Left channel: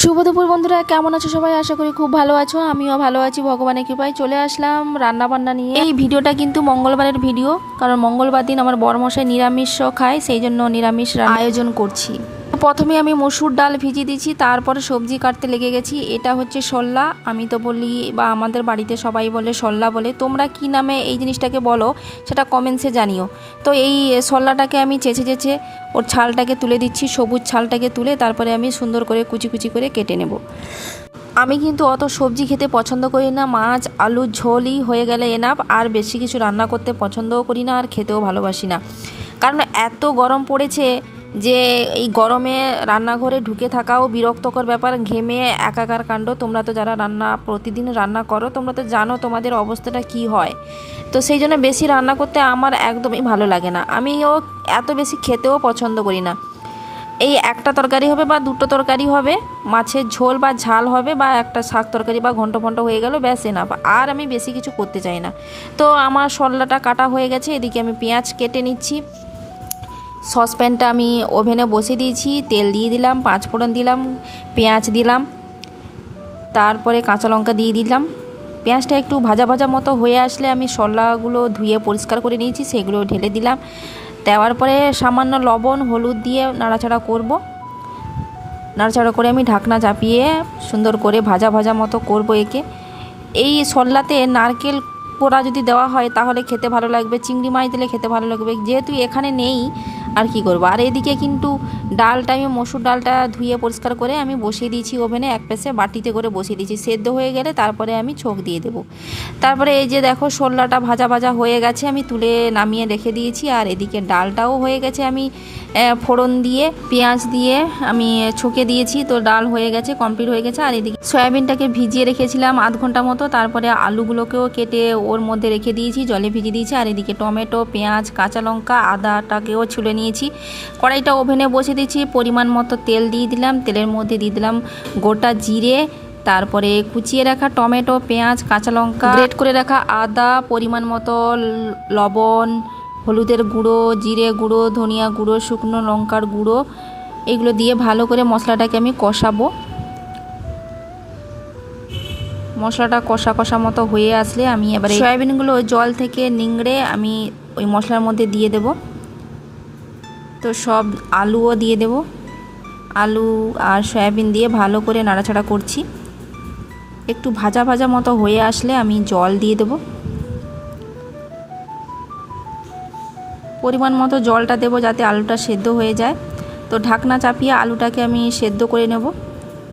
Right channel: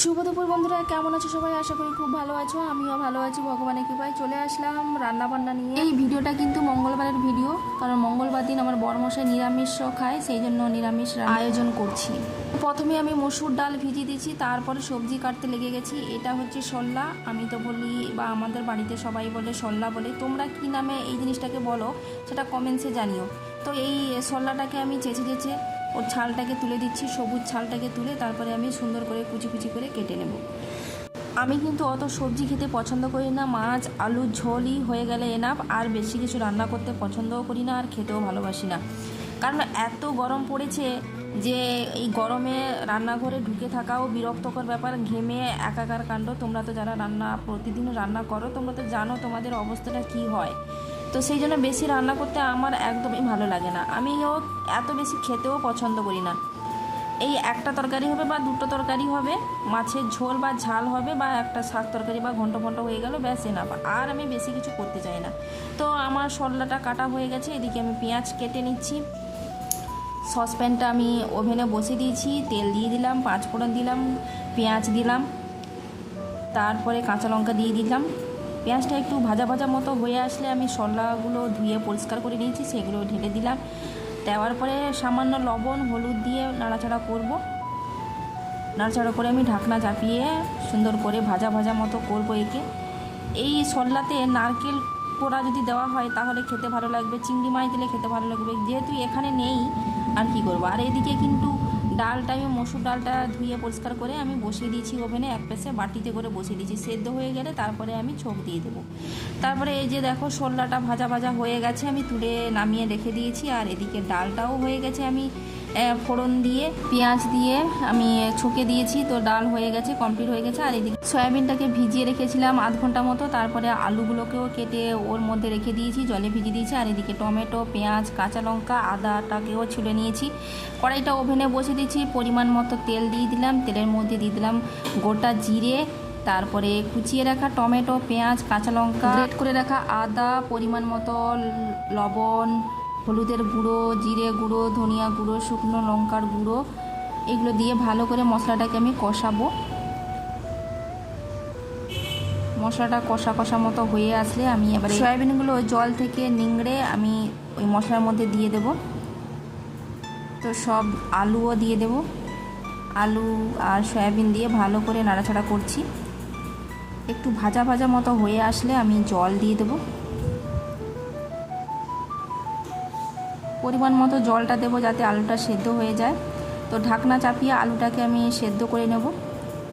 শুভ দুপুর বন্ধুরা, কেমন আছো সবাই? আশা করি খুব ভালো আছো। আমিও ভালো আছি ভগবানের কৃপায়। চলে আসলাম রান্না বান্না নিয়ে। এই ভিডিওটা কিন্তু মঙ্গলবারের ভিডিও, কারণ মঙ্গলবার দিন আমার বরমশাই নিরামিষ খায়, সেই জন্য নিরামিষ আয়োজন করছি। প্রথমে আমি মসুর ডাল ভিজিয়ে দিয়েছি, তারপরে সবজি কাটতে লেগে গেছি। এটা হচ্ছে শোল্লা, আমি তো বলি বা আমাদের বাড়িতে সবাই বলে শোল্লা বলে। তোমরা কি নামে এই জিনিসটাকে বলো সেটা কমেন্টসে জানিও। তো এই শোল্লাটাকে আমি চেঁচে চেঁচে ওর ছালটাকে তুলে দিচ্ছি, সবুজ ছালটাকে তুলে তারপরে আমি সুন্দর করে কুচি কুচি করে কেটে নেব। আমি কিন্তু অত সবজি খেতে পছন্দ করি না, মাছ আলু ঝোলই হয়ে গেলে এনাফ। আর বেশি কিছু রান্না করতে পছন্দও করি না, আর খেতেও ভালোবাসি না। কারণ এত গরম পড়েছে যে এই গরমে রান্নাঘরে ঢুকে থাকাও বিরক্তকর ব্যাপার, ঘেমে একাকার কাণ্ড। তোমরা তো যারা প্রতিদিন রান্না করো তোমরা তো জানো তোমাদের অবস্থাটা কি হয়। তো সেই জন্য বেশি রান্না করতে আমার একদমই ভালো লাগে না। আমিও এত বেশি খেতেও পছন্দ করি না। এই একটা তরকারি হবে বা দুটো তরকারি হবে, মাছের ঝোল বা ঝাল হবে, বা একটা শাক তরকারি বা ঘন্ট ফন্ট হয়ে গেল, ব্যাস এনাফ। আর আমি বেশি কিছু করতে চাই না। তো আমার শোল্লাটা কাটা হয়ে গেছে, এদিকে আমি পেঁয়াজ কেটে নিচ্ছি। সসপ্যানটা আমি ওভেনে বসিয়ে দিয়েছি, তেল দিয়ে দিলাম, পাঁচফোড়ন দিলাম, পেঁয়াজ দিলাম, তারপরে কাঁচা লঙ্কা দিয়ে দিলাম। পেঁয়াজটা একটু ভাজা ভাজা মতো হয়ে আসলে আমি শোল্লাগুলো ধুয়ে পরিষ্কার করে নিয়েছি, সেগুলো ঢেলে দিলাম। দেওয়ার পরে সামান্য লবণ হলুদ দিয়ে নাড়াচাড়া করব। নাড়াচাড়া করে আমি ঢাকনা চাপিয়ে সুন্দর করে ভাজা ভাজা মতো করব একে। এই শোল্লাতে নারকেল কোড়া যদি দেওয়া হয় তাহলে খেতে ভালো লাগবে, চিংড়ি মাছ দিলে খেতে ভালো লাগবে, যেহেতু এখানে নেই আর কি করব। আর এদিকে কিন্তু ডালটা আমি মসুর ডালটা ধুয়ে পরিষ্কার করে আমি বসিয়ে দিয়েছি ওভেনে, এক পাশে বাটিতে করে বসিয়ে দিয়েছি। সেদ্ধ হয়ে গেলে তারপরে আমি ছোঁক দিয়ে দেবো। তারপরে এই যে দেখো শোল্লাটা ভাজা ভাজা হয়ে গেছে, আমি তুলে নামিয়ে রেখে দিয়েছি। আর এদিকে ডালটাও হয়ে গেছে, আমি ফোড়ন দিয়ে পেঁয়াজ দিয়ে আমি ছুঁকে দিয়েছি। তো ডাল হয়ে গেছে, কমপ্লিট হয়ে গেছে। আর এদিকে সয়াবিনটাকে ভিজিয়ে রেখেছিলাম আধ ঘন্টা মতো, তারপরে আলুগুলোকেও কেটে ওর মধ্যে রেখে দিয়েছি, জলে ভিজিয়ে দিয়েছি। আর এদিকে টমেটো পেঁয়াজ কাঁচা লঙ্কা আদাটাকেও ছুলে নিয়েছি। কড়াইটা ওভেনে বসে দিয়েছি, পরিমাণ মতো তেল দিয়ে দিলাম। তেলের মধ্যে দিয়ে দিলাম গোটা জিরে, তারপরে কুচিয়ে রাখা টমেটো পেঁয়াজ কাঁচা লঙ্কা, গ্রেট করে রাখা আদা, পরিমাণ মতো লবণ, হলুদের গুঁড়ো, জিরে গুঁড়ো, ধনিয়া গুঁড়ো, শুকনো লঙ্কার গুঁড়ো, এগুলো দিয়ে ভালো করে মশলাটাকে আমি কষাবো। মশলাটা কষা কষা মতো হয়ে আসলে আমি এবারে সয়াবিনগুলো জল থেকে নিংড়ে আমি ওই মশলার মধ্যে দিয়ে দেব। তো সব আলুও দিয়ে দেব। আলু আর সয়াবিন দিয়ে ভালো করে নাড়াচাড়া করছি। একটু ভাজা ভাজা মতো হয়ে আসলে আমি জল দিয়ে দেব। পরিমাণ মতো জলটা দেব যাতে আলুটা সেদ্ধ হয়ে যায়। তো ঢাকনা চাপিয়ে আলুটাকে আমি সেদ্ধ করে নেব।